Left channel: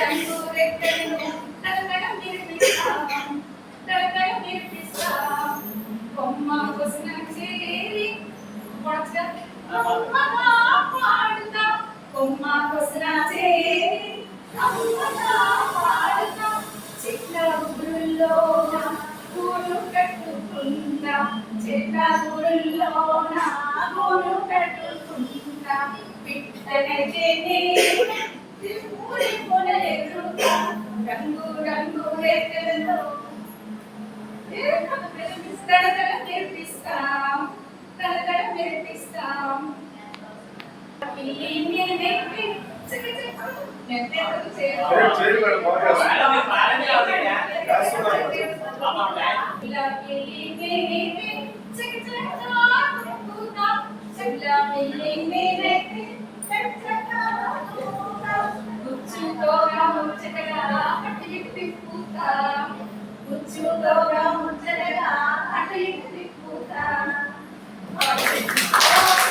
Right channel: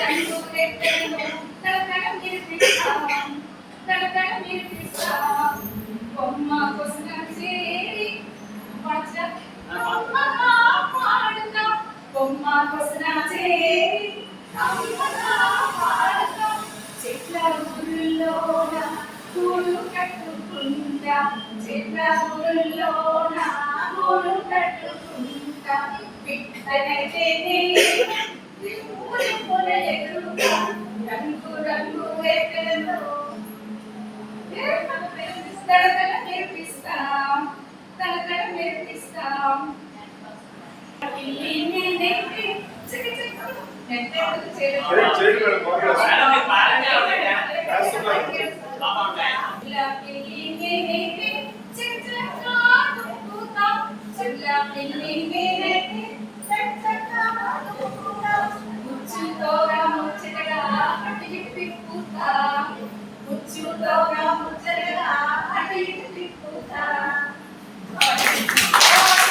రంగు రెక్కలను తడతడ మెరిపిస్తాం తడతడ మెరిపిస్తాం కొమ్మ కొసన చేరి కొమ్మగా పాడుతాం కొమ్మ కొసన చేరి కమ్మగా పాడుతాం చెట్ల ఊరుల్లోన గూడు కట్టుకుంటా చెట్ల ఊరుల్లోన గూడు కట్టుకుంటా పిట్టనైతే రంగు రంగు రేఖలతో తడతడ మెరిపిస్తాం తడతడ మెరిపిస్తాం ముచ్చుతోగా ముచ్చటగా అటు ఇటు తిప్పుతా ముచ్చుతోగా ముచ్చటగా అటు ఇటు